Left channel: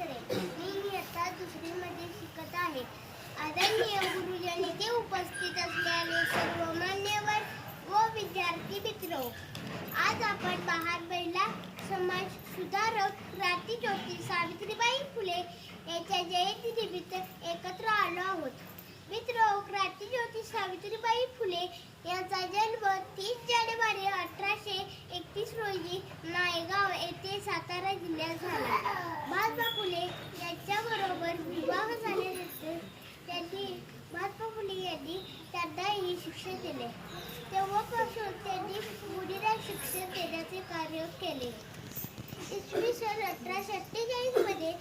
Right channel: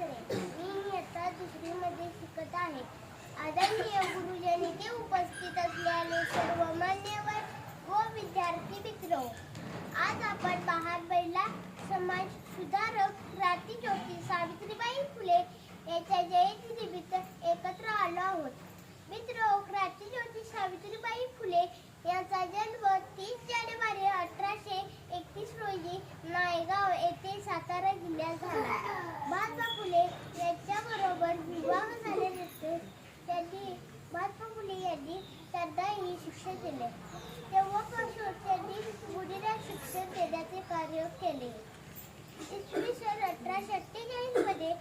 अक्षरे. मी इयत्ता दुसरीमध्ये शिकत आहे. आदरणीय गुरुजनते, उपस्थित असलेले सर्व मान्यवर व विद्यार्थी मित्र, आज आपण महात्मा समाज सुधारक क्रांतीज्योती सावित्रीबाई फुले यांच्या जयंतीनिमित्त एकत्र आलो आहोत. मित्र, क्रांतीज्योती सावित्रीबाई फुले यांचा जन्म 30 जानेवारी 1831 रोजी नायगाव येथे सातारा जिल्ह्यात झाला. महात्मा फुले यांच्याबरोबर विवाह झाल्यानंतर महात्मा फुले यांनी त्यांनाही शिक्षण दिले. तेव्हापासून त्यांनी मुलींना शिक्षण देण्याचे कार्य केले. इसवी सन 1848 मध्ये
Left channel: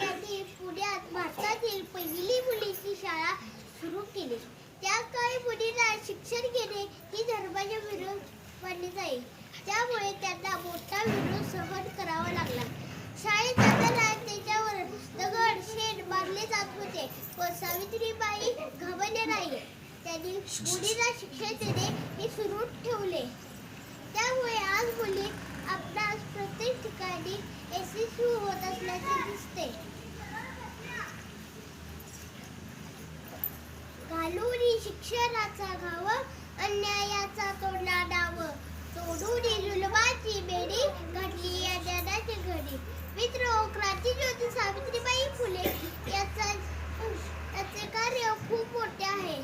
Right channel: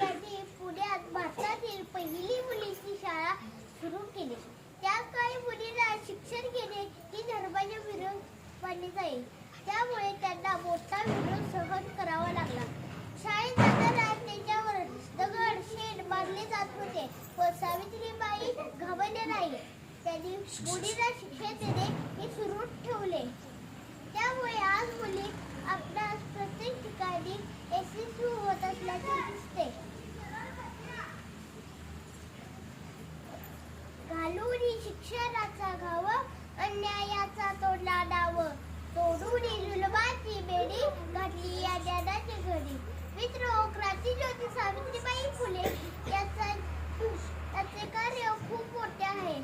त्यांनी पुण्यात भारतातील पहिली मुलींची शाळा सुरू केली. त्या काळी मुलींना शिक्षण घेणे ही धर्माच्या विरोध मानले जाईल, त्यामुळे त्यांना मोठा विरोध सहन करावा लागला. शाळेत जाताना त्याच्यावर दगड शेण मारले जात होते, पण सावित्रीबाई घाबरल्या नाही. त्यांनी मुलींना शिक्षण देणे हे सुरू ठेवले. त्यामुळे आज मुली आपणास प्रत्येक ठिकाणी यशस्वी होत असल्याचे दिसते. घालूनी शिक्षणाचा घाव, अन्यायाचा तोडला डाव, तोडूनी जुलमाची बेडी, घडली या ज्ञानाची घडी. मित्र, क्रांतीज्योती सावित्रीबाई फुले याचे कार्य खूप मोठे आहे.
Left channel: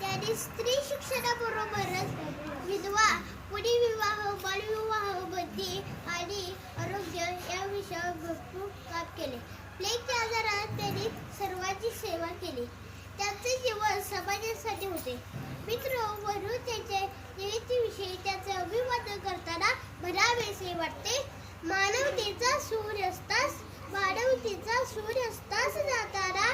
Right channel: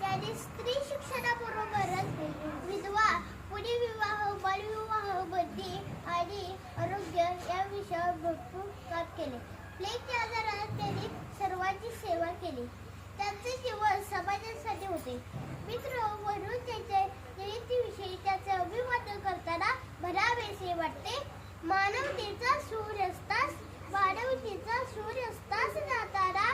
त्यांनी स्त्री शिक्षणाबरोबरच विधवा, पुनर्विवाह, बालविवाह, बंदी आणि आरोग्य या विषयावर भरपूर काम केले. प्लेगच्या आजारात त्यांनी सर्वांची सेवा केली. त्यांचे जीवन समाजासाठी होते. मित्र, म्हणून त्यांच्या जयंतीविषयी त्याचे अभिवादन करताना म्हणावेसे वाटते. मानवतेचा सूर्यास्तास जाताना